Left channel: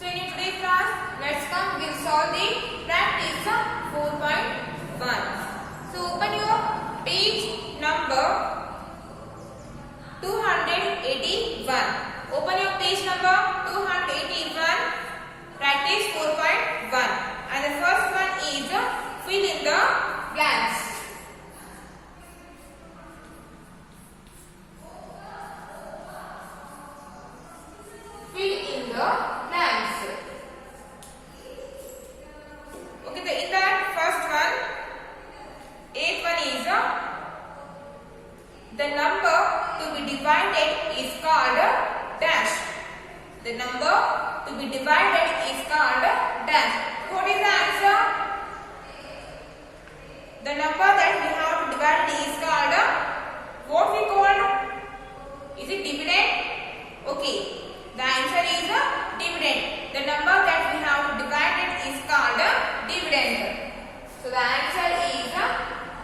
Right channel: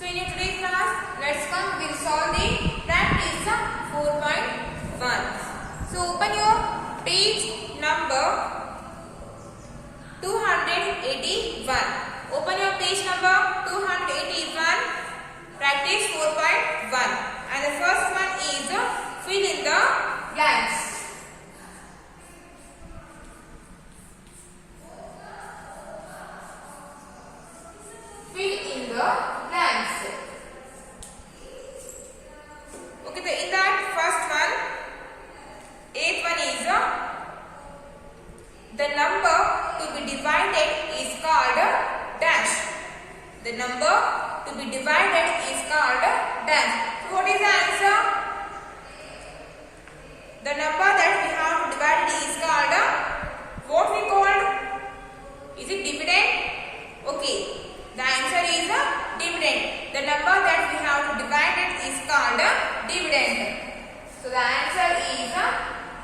So in today's class, we'll solve the practice 4.1. So open your page number 281. Open your page number 281. Practice 4.1. And the first one is fill in the blanks. Fill in the blanks. Okay, in that first one, 8th one is the number to be divided is called dash. The number to be divided is called dash. So what is the answer? The number that we have to divide is called what we called? Is it dividend? Okay. The answer is dividend. The number that we have to divide it is called dividend. So the answer is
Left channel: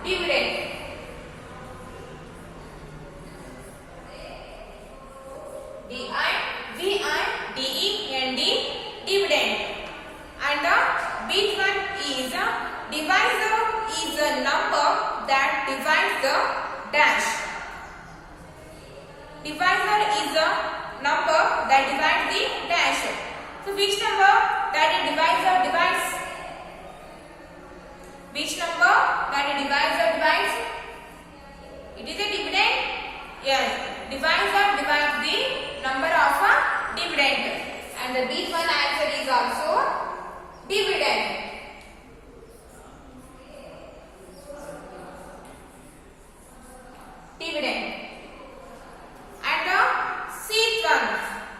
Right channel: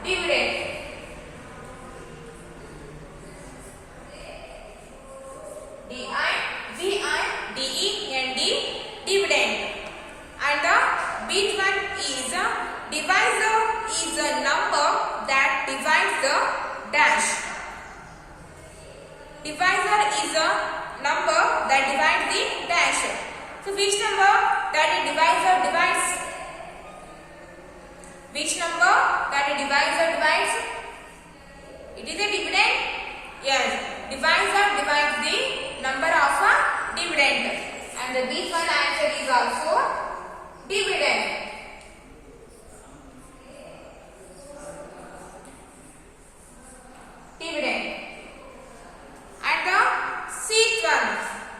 dividend. D-I-V-I-D-E-N-D, dividend. And the big one is divisor is a number that divides the dash. Divisor is a number that divides the dash. So which number that a divisor divides? Which number that a divisor divides? It is a dividend? Yes. Divisor divides the number of a dividend. And the B one answer is also dividend. Dividend. And the sixth one,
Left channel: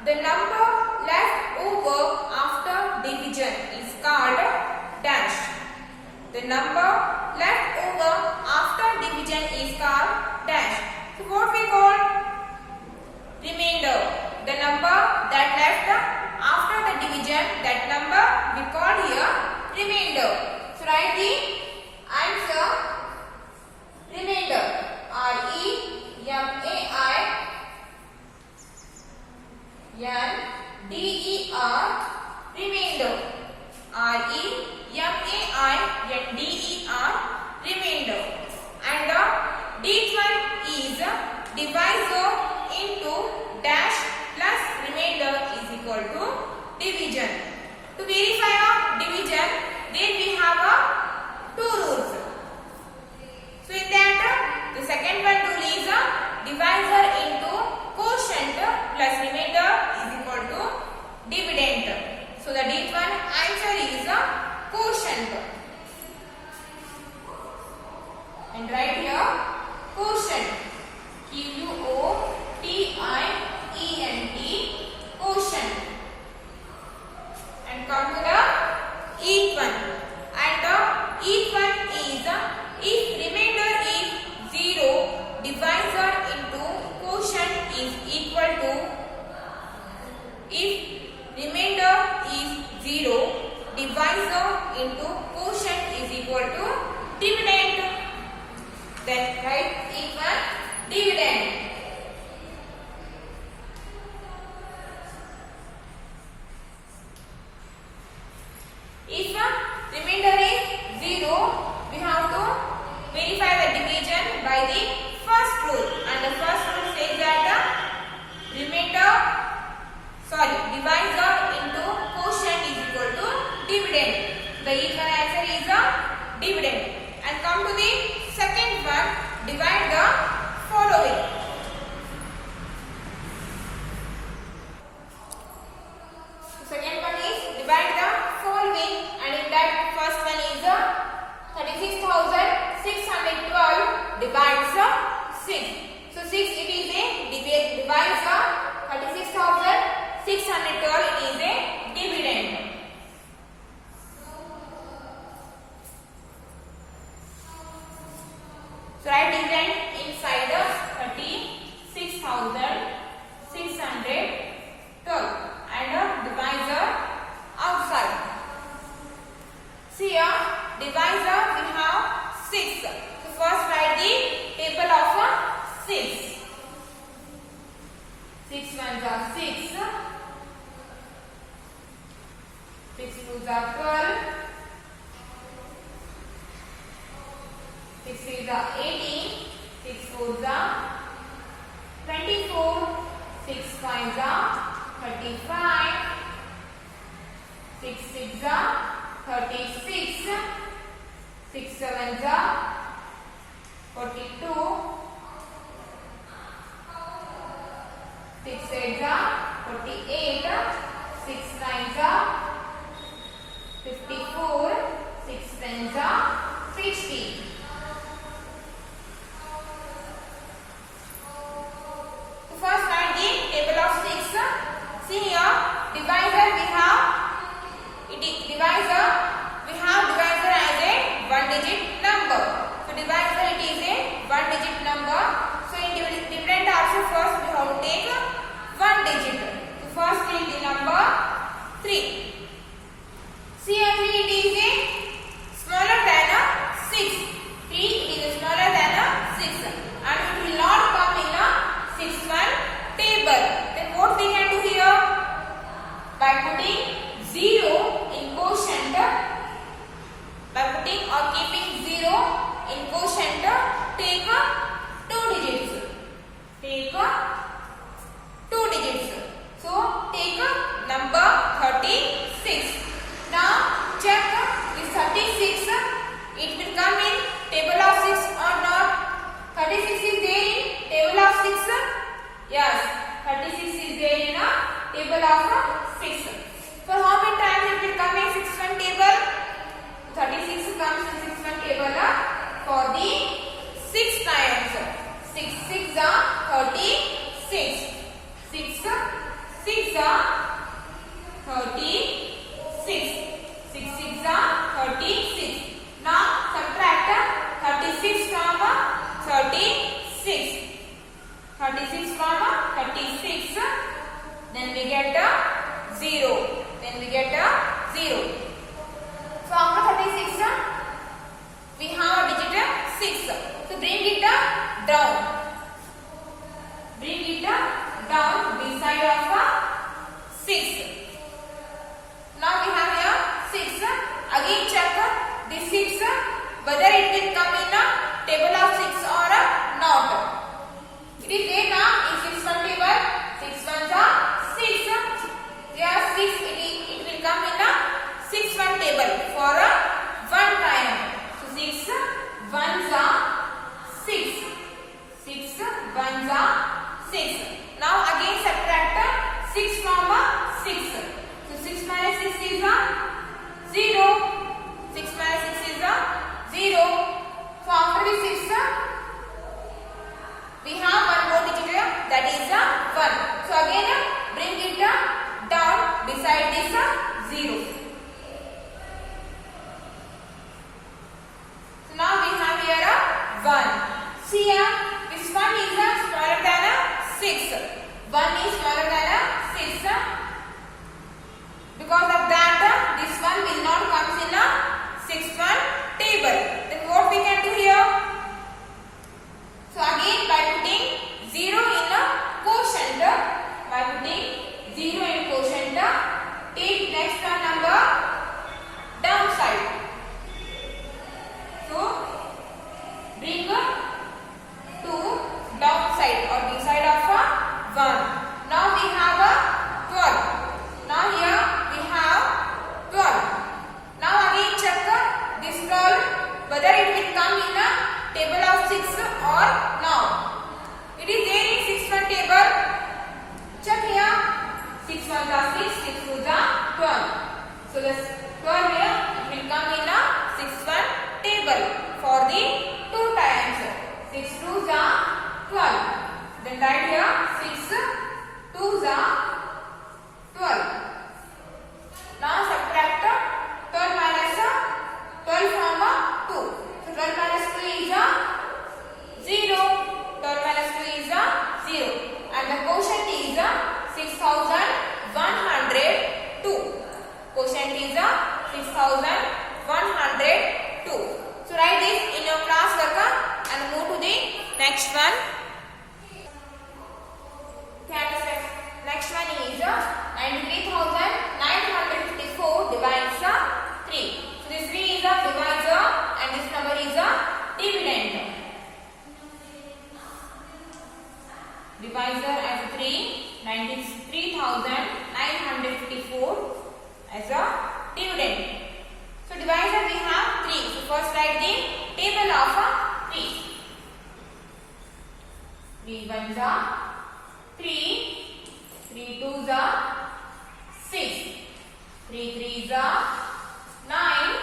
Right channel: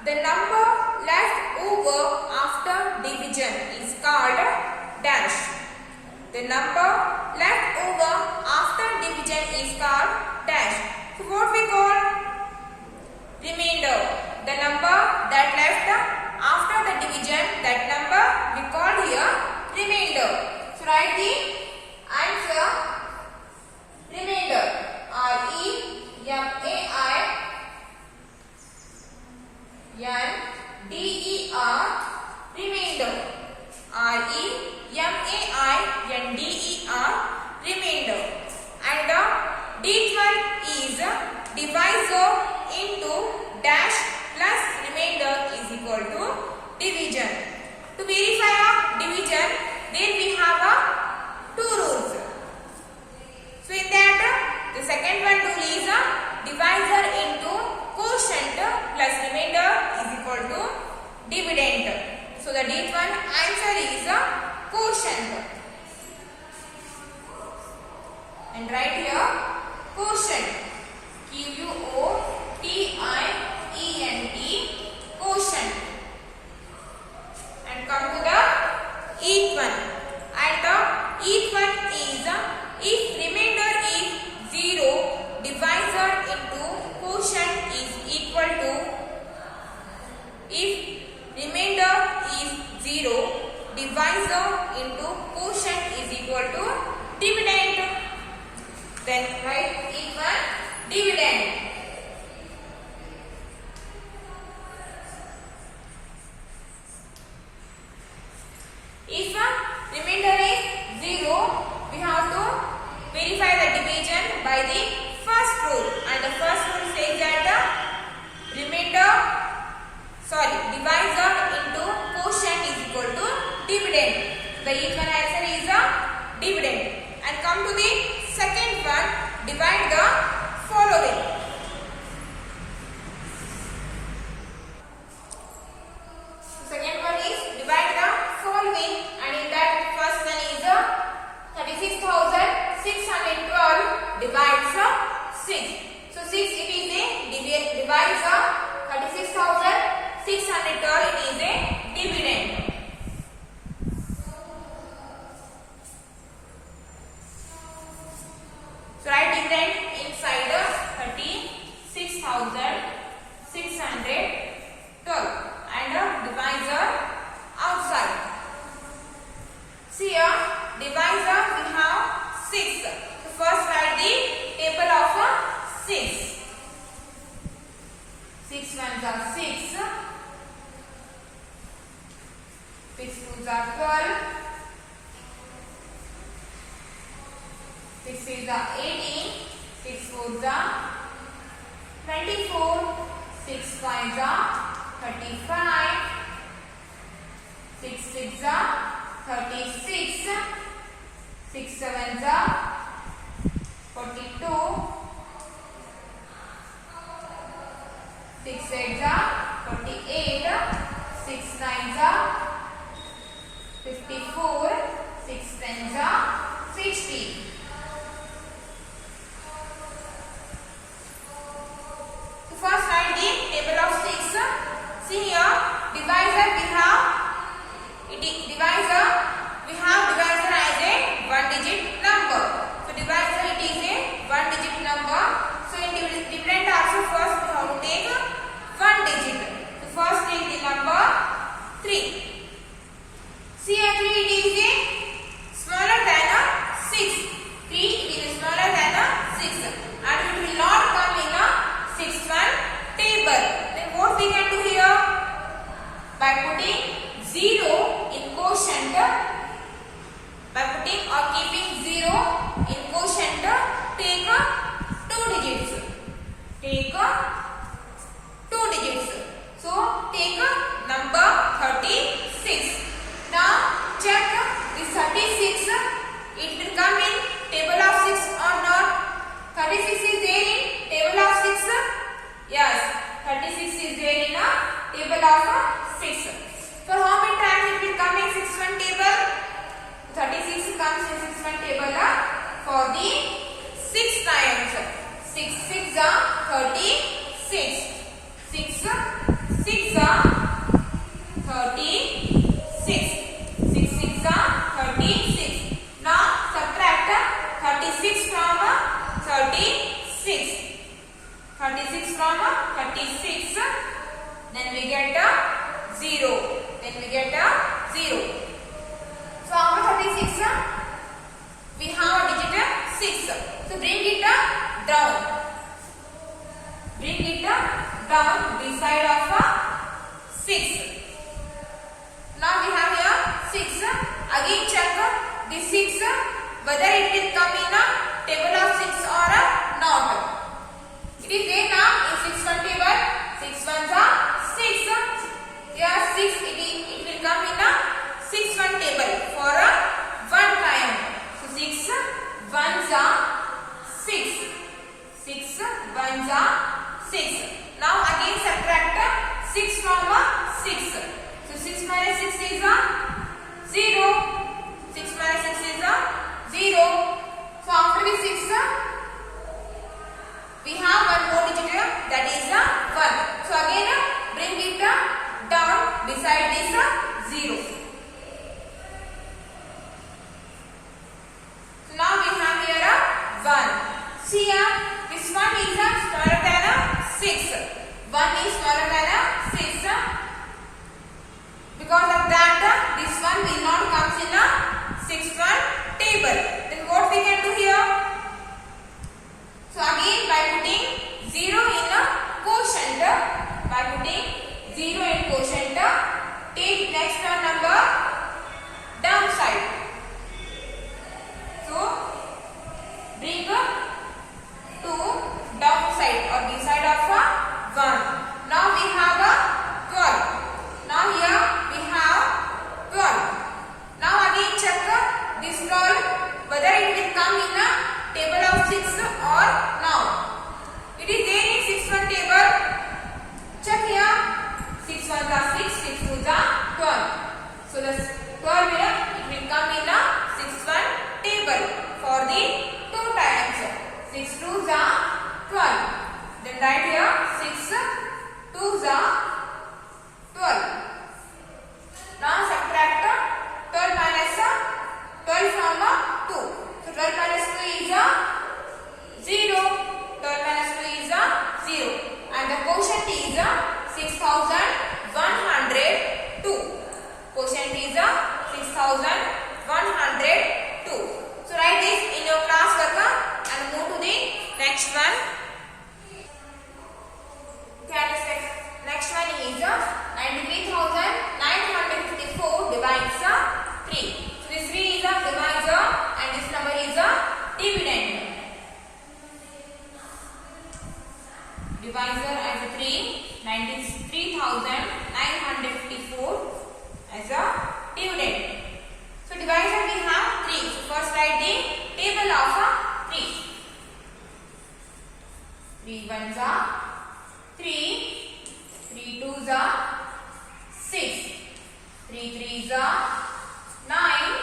the number left over after division is called dash. The number left over after division is called dash. So what we call? Remainder. The number that left after the division, that number we call here remainder. So write the answer remainder. R-E-M-A-I-N-D-E-R, remainder. R-E-M-A-I-N-D-E-R, remainder. And the D one is divisor into dash plus remainder is equal to division. To verify a division, then we have two rules. So in that, the second one rule is divisor into quotient plus remainder is equal to dividend. So the D1 answer is quotient. And write here quotient. Q-U-O-T-I-E-N-T, quotient. And come to the each one. And the each one is if remainder is 0, divisor into quotient is equal to, if remainder is 0, divisor into quotient is equal to dividend. Then write each one dividend. If remainder is 0, we have to verify the division by the first rule. And the first rule says that divisor into quotient is equal to dividend. The each one answer is dividend. And come to the second one, divide the following. The second one is divide the following, and in that first one is 36,612 divides 6. So 6 it is a divisor, 36,612 it is a dividend. So write dividend inside 36,612 and divisor outside. See here, divisor we have 6. So first write the table of 6. 6 ones are 6. 6 2s are 12, 6 3s are 18, 6 4s are 24, 6 5s are 35, 6 6s are 36, 6 7s are 42, 6 8s are 48, 6 9s are 54, 6 10s are 60. So first write the table of 6. See here, divisor we have divisor as a one digit number. So divisor it is a one digit number. So in different types of first we have to take one digit. So first take the number 3. See actually it is a smaller than a 6. 3 it is smaller than a 6 and it will not come in a 6-1 table. Then what we can do here? By putting 0 in quotient, by putting or keeping 0 in quotient, take 2 digits. Take 2 digits. So take number 36. Now check this 36. It will come in table of 6 or not? 36 is there in table of 6. Yes, 36 is there in a table of 6. For how many times it will come in 6-1 table? 36 comes in 6-1 table for the 6 times. 6 6 are 36. 6 6 are 36. 6 6 are 36. Now subtract 36 from 36. 36 from 36. Then we get 0. Then we get 0. So after 36, we have digit 6. So bring it down. Bring it down beside of 6. Now we have here 6. Again check this 6 whether it will come in a table of 6 or not. It is there now in 6-1 table. 6 1s are 6. Here 6 it will come in a 6-1 table for one time. So 6 1s are 6. 6 1s are 6. Now again subtract 6 from 6. So 6 minus 6 is 0. 6 minus 6 is 0. So after the 6 we have one more digit here, that is 1. So again bring it down beside this 0. So now we have here 1. See here, this one is smaller than 6. 1 is smaller than 6. Because of that, this one will not come in a 6-1 table. Then what we can do here? So again by putting 0 in a quotient, take next number downside. So bring 2 downside or beside of 1. Now we have 12. Now here we have 12. Now again check this 12 whether it will come in a table of 6 or not. It is there in 6-1 table. Check here. 6 1s are 6, 6 2s are 12. So this 12 here it will come in a 6-1 table for the 2 times. 6 2s are 12. Then write here 6 2s are 12. Now subtract 12 minus 12 from 2. So 12 minus 2 is 0. 12 minus 2 is 0. And the quotient is 6,102. Quotient is 6,102. So write this in your class work and move to the next one. Next one is 93,954 divided divisor as 3, 93,954 as a dividend. So divisor we have 3. So first write the table of 3. 3 ones are 3, 3 twos are 6, 3 threes are 9,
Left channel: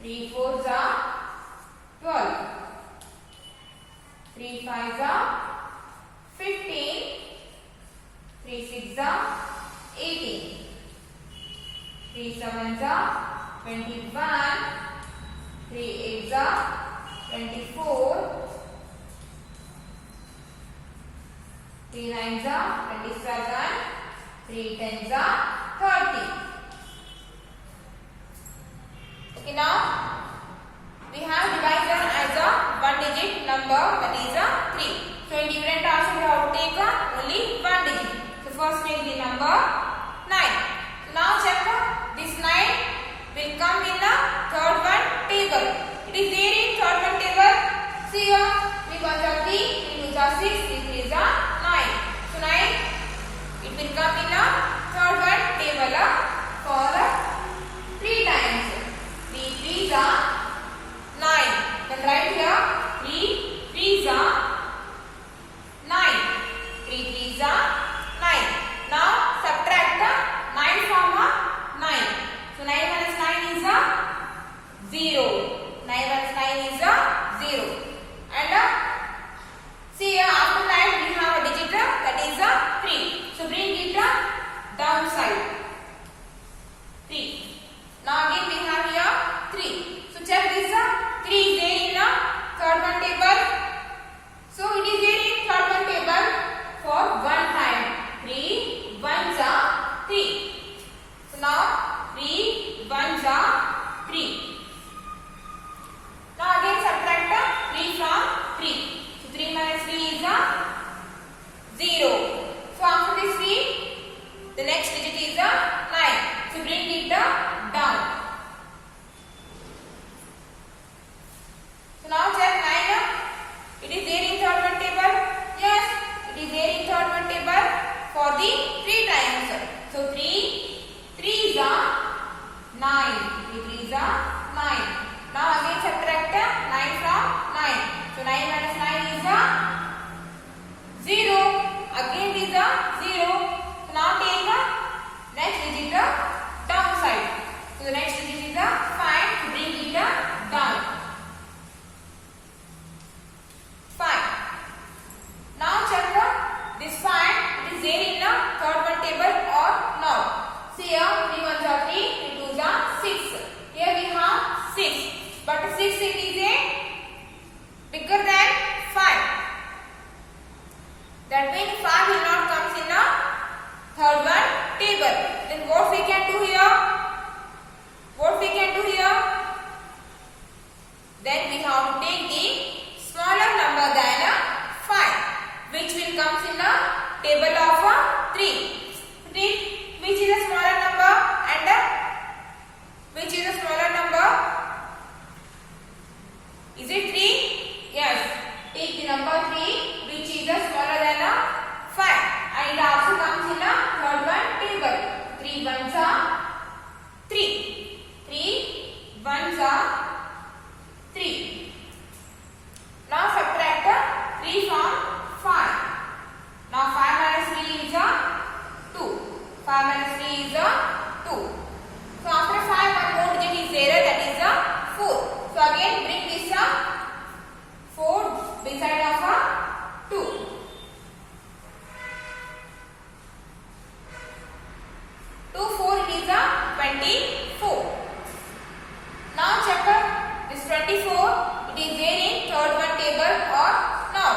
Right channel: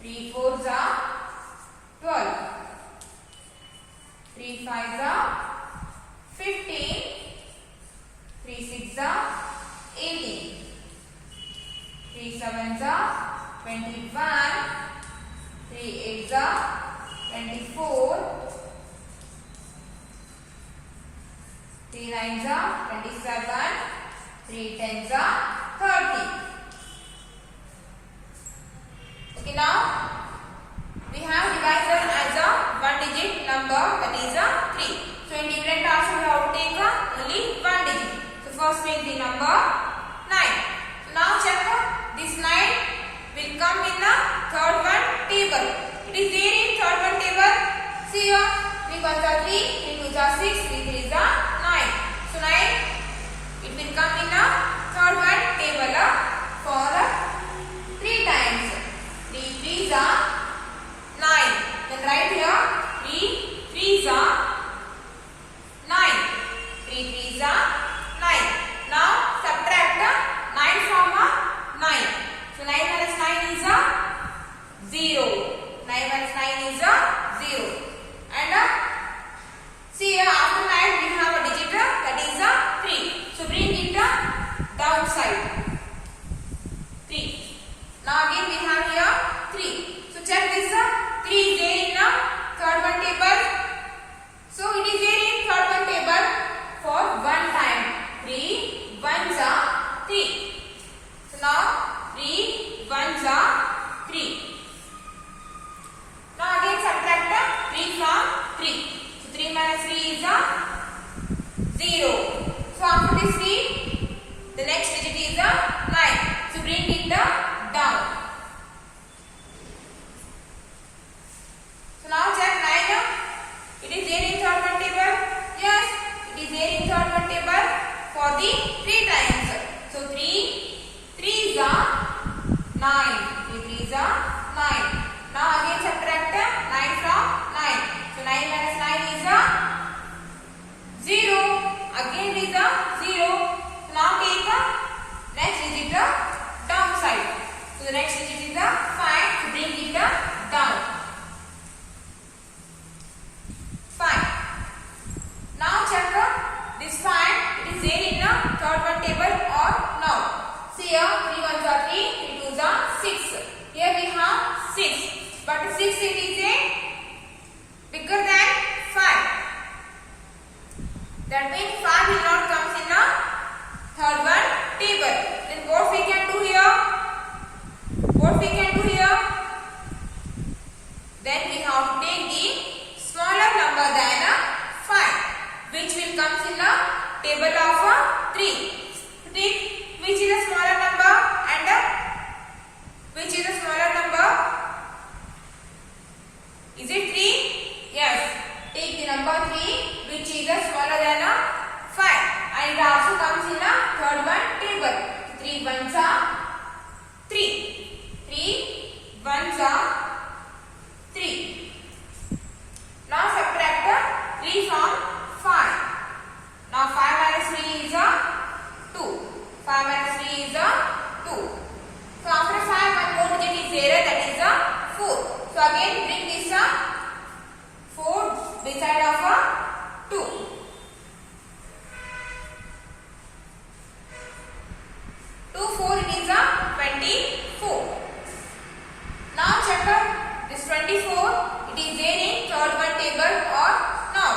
3 fours are 12, 3 fives are 15, 3 sixes are 18, 3 sevens are 21, 3 eights are 24, 3 nines are 27, 3 tens are 30. Okay, now we have divisor as a one digit number, that is a 3. So in dividend also we have to take only one digit. So first take the number 9. So now check this 9 will come in the third one table. It is there in third one table. See here, 3 ones are 3, 3 twos are 6, 3 threes are 9. So 9 it will come in the third one table for 3 times. 3 threes are 9. Then write here 3 threes are 9. 3 threes are 9. Now subtract 9 from 9. So 9 minus 9 is 0. 9 minus 9 is 0. And see here after 9 we have a digit that is 3. So bring it downside. 3. Now again we have here 3. So check this 3 is there in third one table. So it is there in third one table for one time. 3 ones are 3. So now 3 ones are 3. Now again subtract 3 from 3. So 3 minus 3 is 0. So after this 3, the next digit is 9. So bring it down. So now check 9. It is there in third one table. Yes, it is there in third one table for the 3 times. So 3 threes are 9. 3 threes are 9. Now again subtract 9 from 9. So 9 minus 9 is 0. Again it is 0. So now take next digit downside. So the next digit is 5. So bring it down. 5. Now check this 5. It is there in the third one table or not. See here 3 ones are 3, 3 twos are 6. Here we have 6. But 6 it is bigger than 5. That means 5 will not come in the third one table. Then what we can do here? What we can do here? Then we have to take the smaller number than 5, which will come in the table of 3. Think which is a smaller number and which is a smaller number? Is it 3? Yes. Take the number 3, which is smaller than 5, and it also comes in a third one table. 3 ones are 3. 3 ones are 3. Now subtract 3 from 5. Now 5 minus 3 is 2. 5 minus 3 is 2. So after 5 one more digit is there, that is 4. So again bring this 4 beside of 2. 2 4 is 24. Now check this 24. It is there in third one table or not.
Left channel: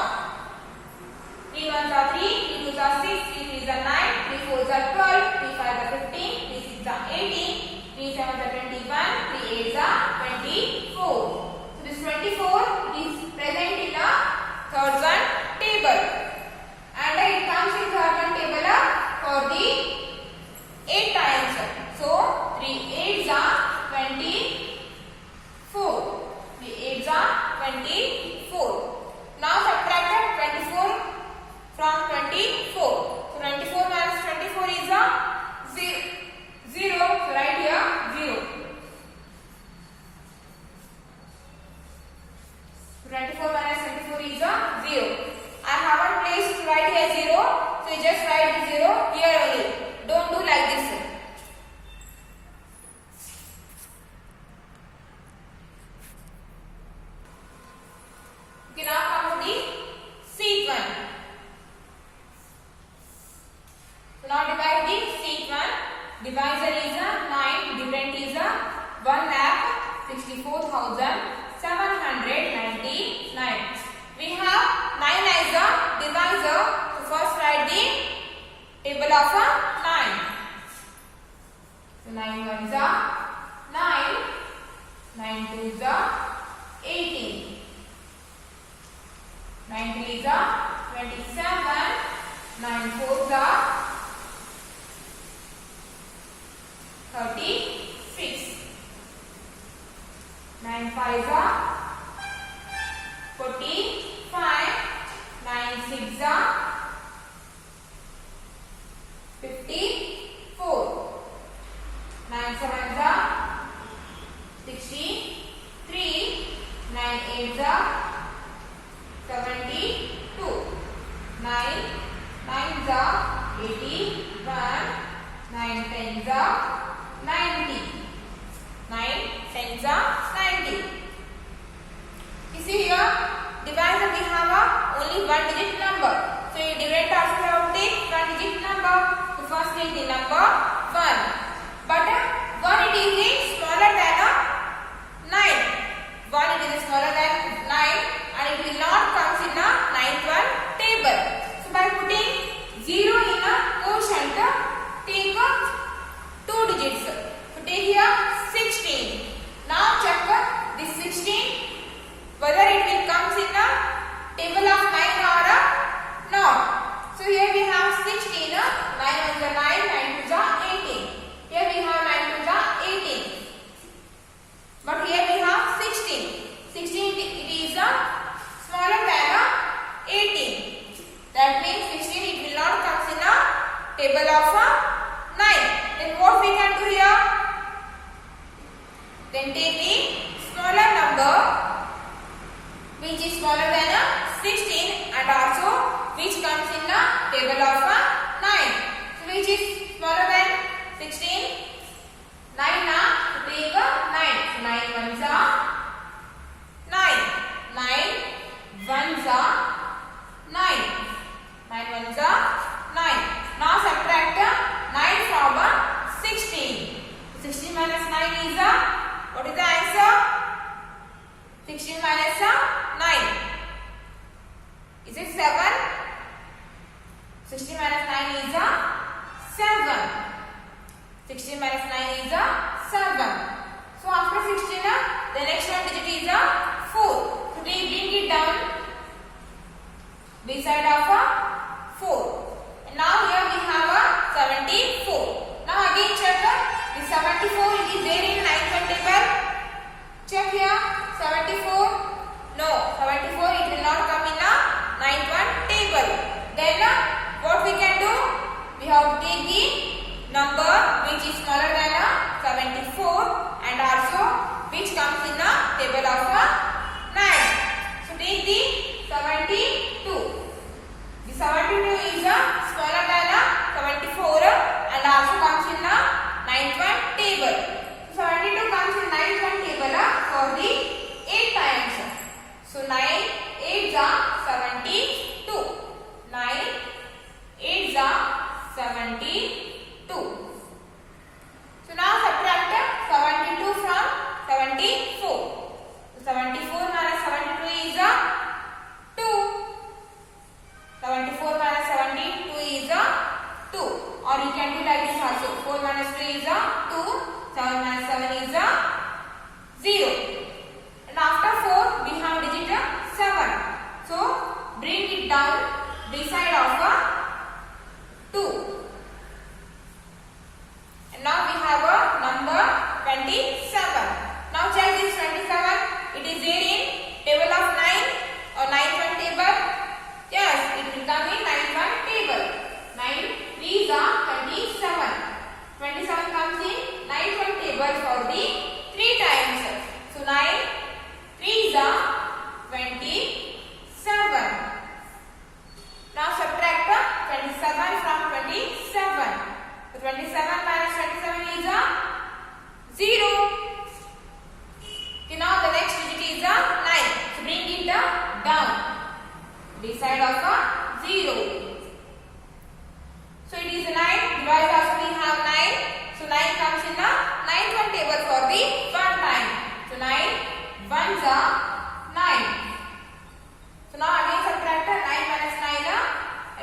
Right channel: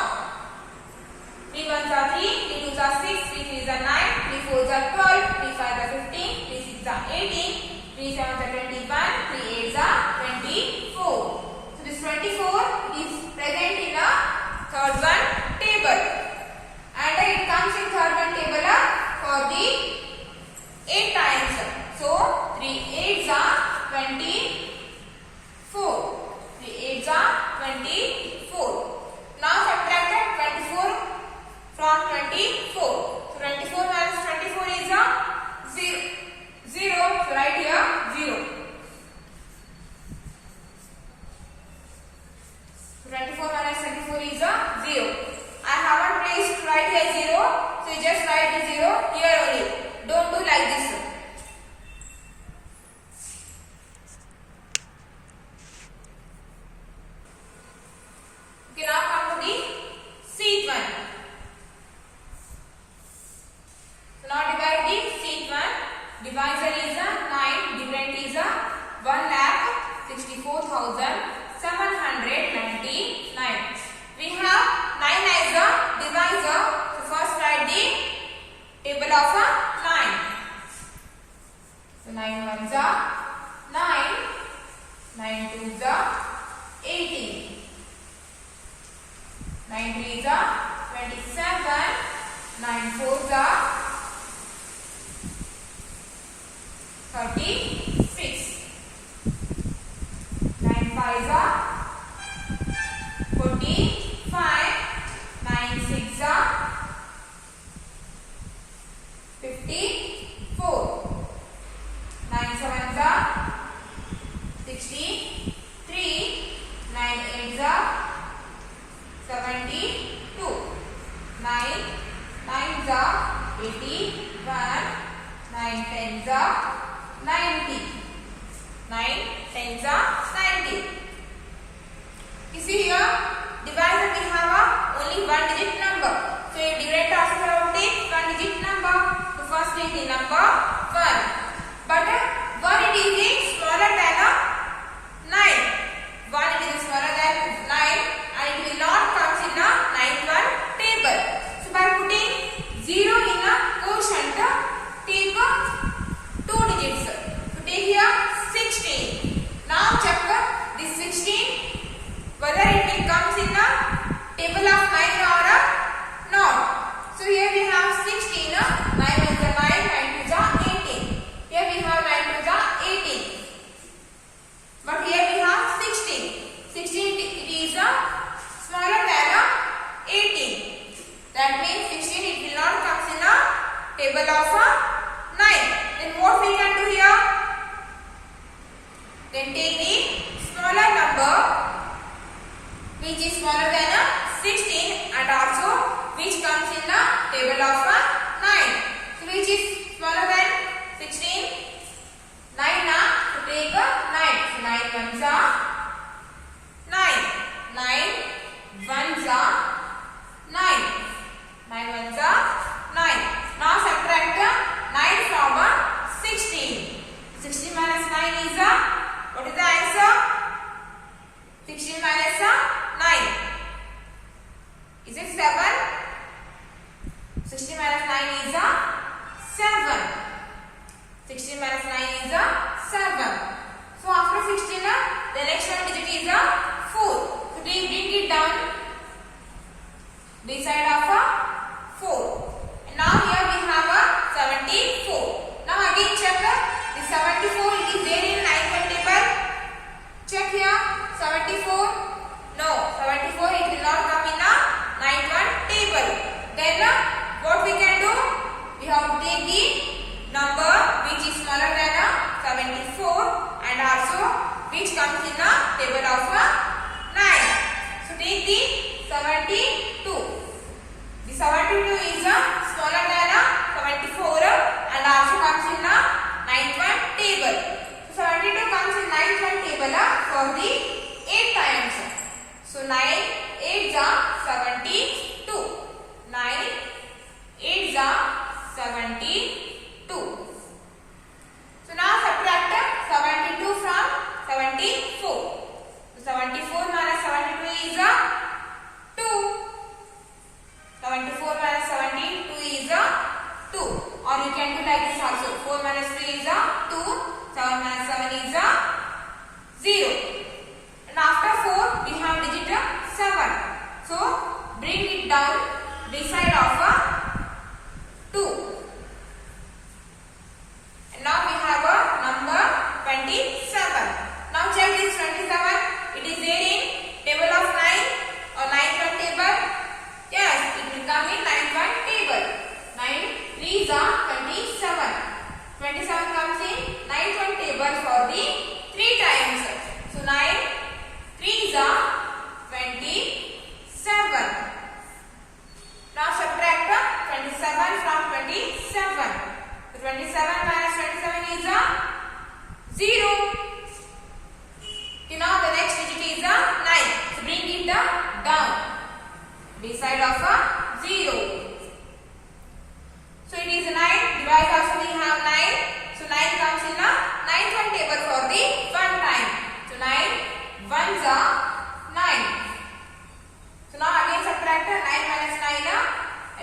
3 ones are 3, 3 twos are 6, 3 threes are 9, 3 fours are 12, 3 fives are 15, 3 sixes are 18, 3 sevens are 21, 3 eights are 24. So this 24 is present in the third one table, and it comes in third one table for the 8 times. So 3 eights are 24. 3 eights are 24. Now subtract 24 So you just write the 0 here only. Don't do like this. Okay, now come to the sheet 1. So now divide the sheet 1. Divisor is a 9, different is a 1,64,799. We have 9 as a divisor. So first write the table of a 9. So 9 ones are 9, 9 twos are 18. 9 threes are 27, 9 fours are 36, 9 fives are 45, 9 sixes are 54, 9 sevens are 63, 9 eights are 72, 9 nines are 81, 9 tens are 90, 9 tens are 90. You see here, divisor we have only one digit number. So you direct also have to take one digit number. So first take the number 1. But 1 it is smaller than 9. 1 it is smaller than 9 and it will not come in the ninth one table. So by putting 0 in a quotient, take 2 digits. So take here 16. Now check this 16 whether it will come in the table of 9 or not. So here we have 16. 9 is a 9, 9 is a 18. Here we have 9 is a 18. But here we have 16. 16 it is smaller than 18. That means 16 it will not come in a table of 9. Then what we can do here? Then take the smaller number which is smaller than 16 and also which comes in the table of 9. So which is smaller than 16? 9 now. So take 9. So 9 ones are 9. 9 ones are 9. 9 ones are 9. Now subtract 9 from 16. 16 minus 9 is what is the answer? 16 minus 9. Is it 7? 16 minus 9 is 7. 16 minus 9 is 7. So after 16, the next one digit is 4. So they bring it down beside of 4. And now here we have 74. Now again check the 74 it is there in ninth one table. Check here 74. No, 74 it will not come in the ninth one table. Then what we can do? We have to take the number which is smaller than 74 and also which comes in the table of 9. So take the 72. The 72 is smaller than 74 and also comes in the ninth one table. So 72 comes in ninth one table for the 8 times. So 9 8s are 72. 9 8s are 72. So now subtract 72 from 74. So 74 minus 72 is 2. 74 minus 72 is 2. Or you can do like this also. 4 minus 3 is 2. 7 minus 7 is 0. And after 4 we have digit 7. So bring it down this side of 2. And now we have a number 27. Now check this 27. It is there in table of 9 or 9th one table. Yes, it will come in 9th one table. 9 3s are 27. 27 comes in 9th one table for the 3 times. So 9 3s are 27. Now subtract 27 27. So 27 minus 27 is a 0. Okay, now the next digit is a 9. So bring it down beside of a 0. So it is 9. Divide also we have 9. So 9 comes in a 9th one table for the one time. So 9 ones are 9. So now again subtract 9 minus 9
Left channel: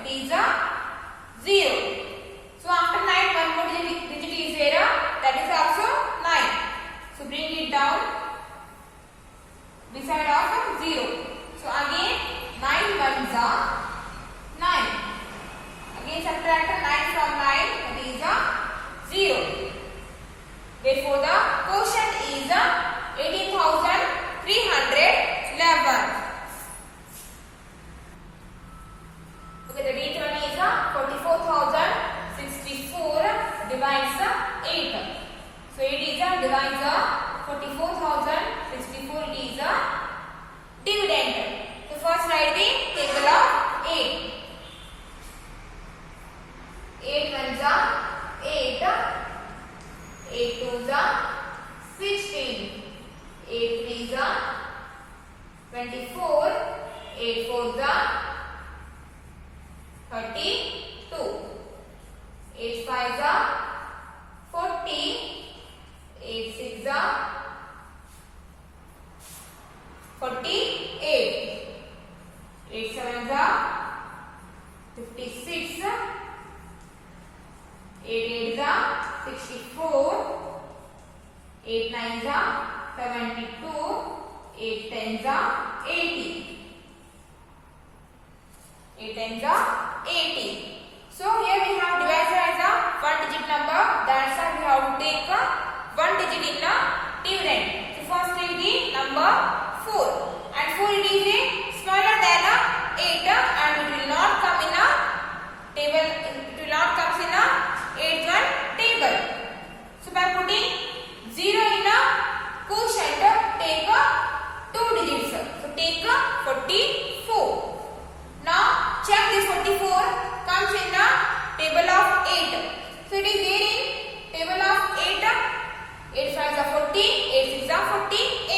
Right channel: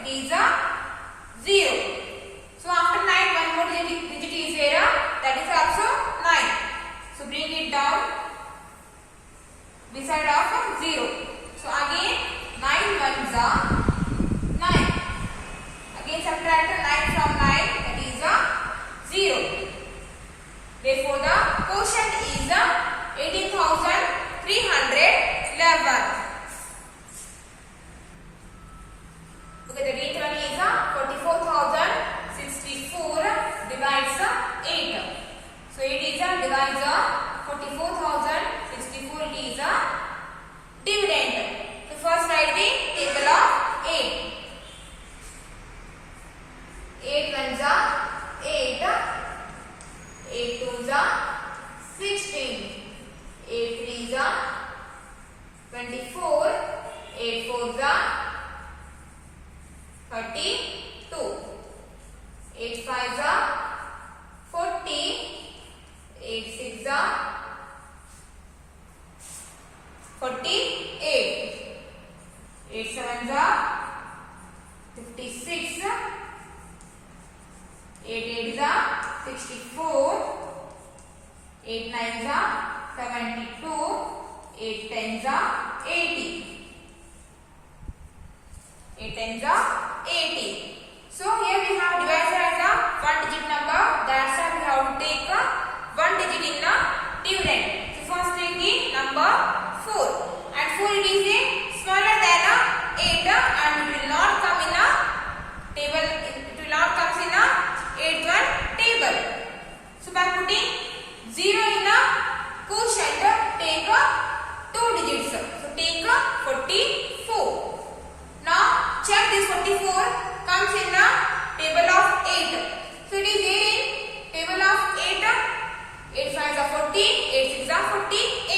it is a 0. So after 9 one more digit is there, that is also 9. So bring it down beside of 0. So again 9 ones are 9. Again subtract 9 from 9, that is a 0. Therefore the quotient is 18,311. Okay, the next one is 44,064 divides 8. So 8 is divides 44,064. It is a dividend. So first write the table of 8. 8 ones are 8. 8 twos are 16. 8 threes are 24. 8 fours are 32. 8 fives are 40. 8 sixes are 48. 8 sevens are 56. 8 eights are 64. 8 nines are 72. 8 tens are 80. 8 tens are 80. So here we have divisor as a one digit number. That's why we have to take one digit in the dividend. So first will be number 4. And 4 it is a smaller than 8 and it will not come in a table. It will not come in a 8th one table. So by putting 0 in a quotient, take 2 digits. So take 44. Now check this 44 comes in a table of 8. So it is there in table of 8. 8 5s are 40. 8 6s are 48.